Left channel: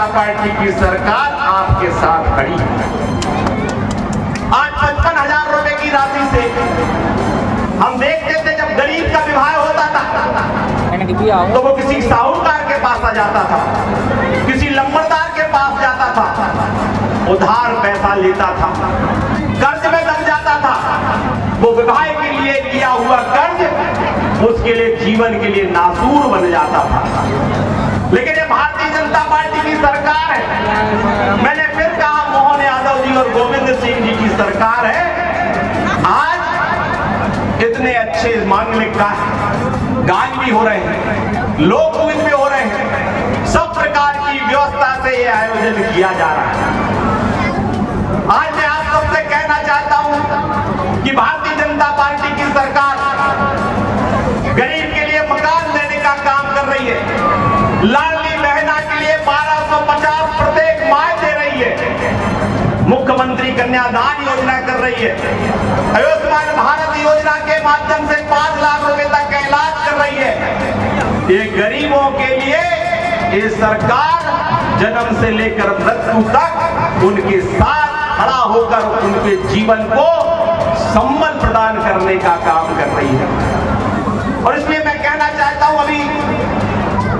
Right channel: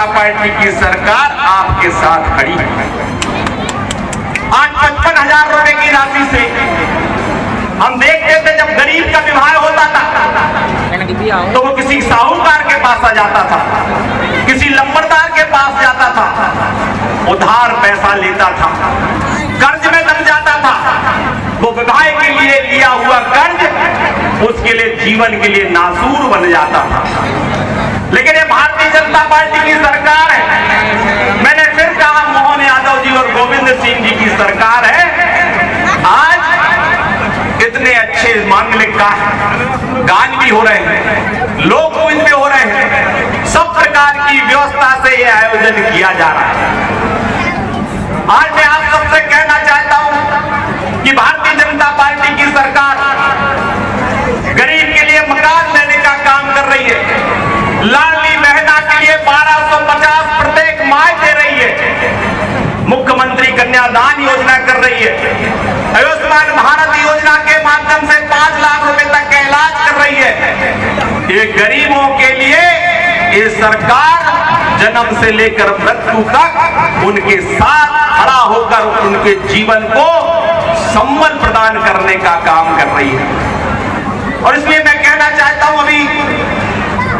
जनता party की सरकार आपके साथ खड़ी है। आज 55,000 रुपए की राशि से हम देखते थे जब गरीब का विवाह होता था तो वो किसी साहूकार के पास आ जाता था, किसी लंबरदार के पास जाता था, उधार पैसा लेता था, कर्ज में दब जाता था। वो विवाह के लिए लिया हुआ कर्ज उसके लिए जीवन के लिए नासूर बन जाता था। लेकिन ये भारतीय जनता पार्टी की सरकार है। मैंने फिर कहा, मोहन यादव जी और गोविंद सिंह जी की सरकार है। आज इतने अच्छे मांगलिक गान भी हो रहे हैं, लोक भी हो रहे हैं, सब प्रकार की व्यवस्था से यह आयोजन किया जा रहा है। आज मैं आप सबसे कहना चाहता हूं कि भारतीय जनता पार्टी की सरकार गरीब के लिए मकान देने का काम कर रही है। लाडली बहना के लिए 1250 प्रत्येक माह दे रही है। मुख्यमंत्री कन्यादान योजना कर रही है। आयुष्मान भारत योजना के माध्यम से 5 लाख रुपए तक का इलाज कर रही है। ये गरीबों के लिए ये सरकार जन्म से लेकर मृत्यु तक उनके साथ खड़ा होकर उनके जीवन को संबल प्रदान करने का काम कर रही है। और इसलिए मैं कहना चाहता हूं, अभी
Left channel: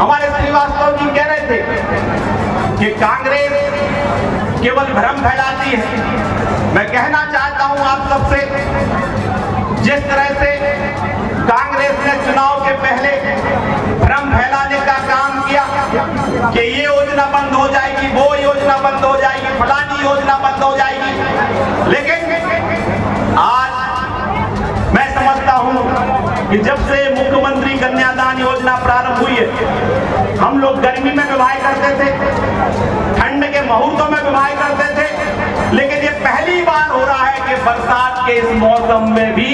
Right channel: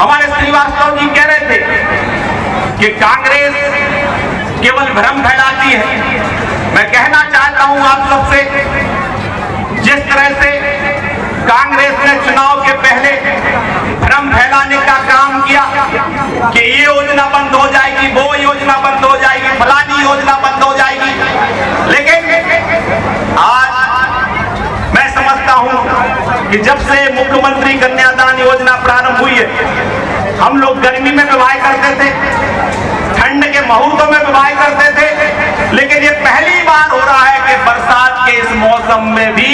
हमारे श्रीवास्तव जी कह रहे थे कि कांग्रेस केवल भ्रम फैलाती है। मैं कहना चाहता हूं आप सबसे, जिस तरह से कांग्रेस ने चुनाव के पहले भ्रम फैलाने का काम किया कि ये योजना बंद हो जाएगी, वो योजना बंद हो जाएगी, फलानी योजना बंद हो जाएगी। लेकिन आज मैं समझता हूं कि जब से मुख्यमंत्री कन्यादान योजना प्रारंभ हुई है, हम लोग गर्मी में विवाह करते थे, ठंड के मुहूर्तों में विवाह करते थे, लेकिन ये पहली बार हो रहा है कि बरसात के इस मौसम में भी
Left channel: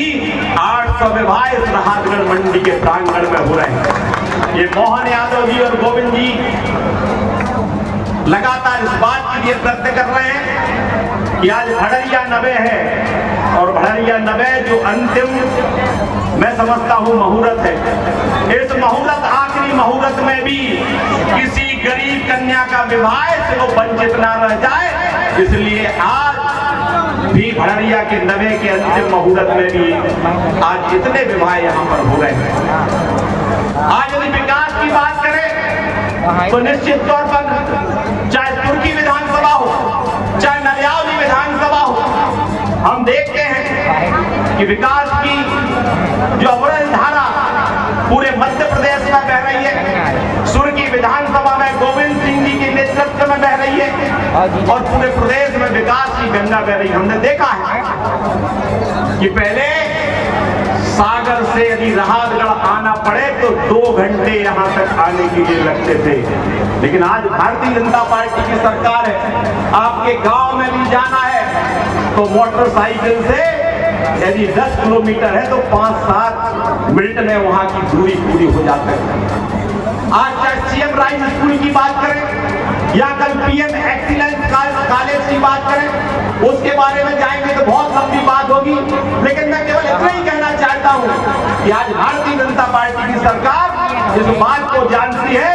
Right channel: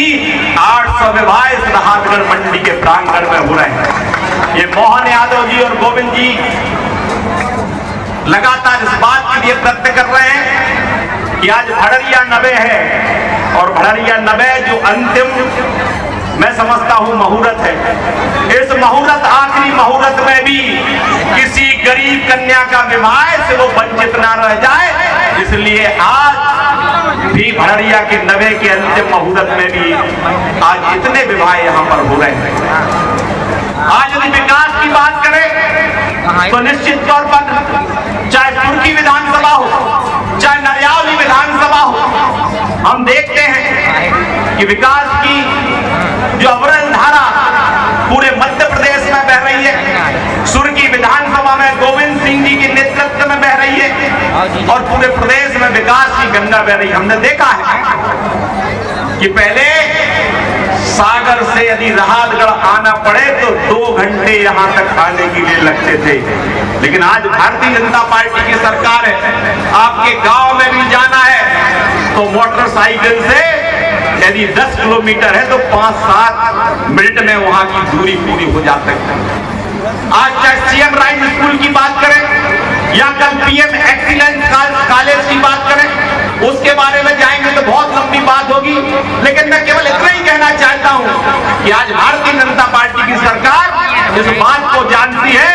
800 विवाह इस नाहरगढ़ मंडी के प्रांगण में हो रहे हैं। ये मोहन यादव जी और गोविंद जी लगातार इस बात के लिए प्रयत्न कर रहे हैं कि आज भड़रिया 90 है और भड़रिया 90 जो अंतिम मैं समझता हूं मुहूर्त है। इस मुहूर्त, आखिरी मुहूर्त में भी किसी गरीब कन्या का विवाह से वो वंचित ना रह जाए, इसलिए आज भी भड़रिया के 90 के अंतिम मुहूर्त में भी आज इतने विवाह यहां पर हो रहे हैं। आज यदि विकास की बात करें तो निश्चित तौर पर चाहे तुर्की विधानसभा हो, चाहे नरियावली विधानसभा हो, हम देखते हैं कि विकास की जो अविरल धारा पूरे मध्य प्रदेश में बह रही है। सुर्की विधानसभा में गोविंद सिंह जी के नेतृत्व में बह रही है और पूरे प्रदेश में विकास की गंगा बह रही है। हमने देखा है कि पहले सागर से यदि राहतगढ़ आना पड़े तो 2 घंटे यहां तक आने के लिए लगते थे, लेकिन आज भारतीय जनता पार्टी की सरकार है। आपके गांव में भी जाना है तो मोटरसाइकिल से यदि 10 किलोमीटर है तो 5-7 मिनट में वहां की दूरी पूरी हो जाती है। आज चाहे सीएम राइज स्कूल की बात करें या कल पीएम एक्सीलेंस कॉलेज की बात करें, उसके बारे में जाएंगे तो बहुत लंबी बात होगी, लेकिन मैं केवल इतना ही कहना चाहता हूं कि आज भारतीय जनता पार्टी की सरकार इस बात को जानती है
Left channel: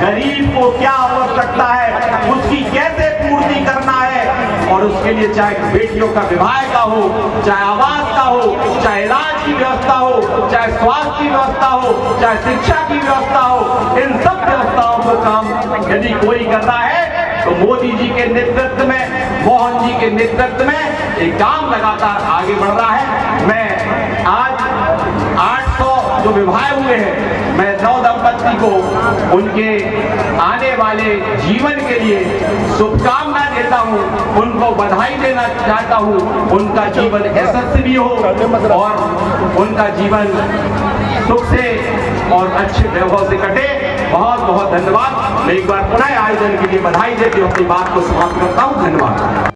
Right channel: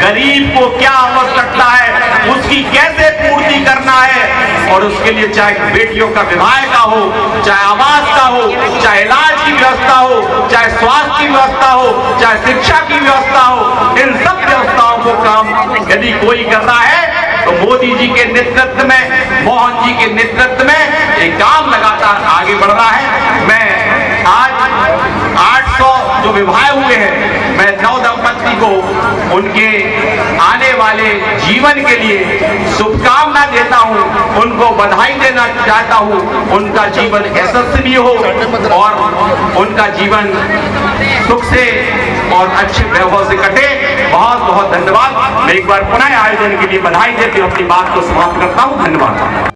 गरीब को क्या आवश्यकता है, उसकी कैसे पूर्ति करना है, और उसके लिए चाहे बेटियों का विवाह का हो, चाहे आवास का हो, चाहे इलाज की व्यवस्था हो, चाहे स्वास्थ्य की व्यवस्था हो, चाहे शिक्षा की व्यवस्था हो, इन सब व्यवस्थाओं को काम यदि कोई कर रहा है तो मोदी जी के नेतृत्व में, मोहन जी के नेतृत्व में ये काम लगातार आगे बढ़ रहा है। मैं आज 800 जो विवाह हुए हैं, मैं नव दंपत्ति को उनके आने वाले जीवन के लिए शुभकामना देता हूं, उनको बधाई देना चाहता हूं। उनका जीवन यशस्वी हो और उनका जीवन सुख से और अच्छे वैभव से कटे। बहुत बहुत धन्यवाद। मैं एक बार पुनः आयोजन के लिए बधाई देती हूं, अपनी बात को समाप्त करता हूं। धन्यवाद।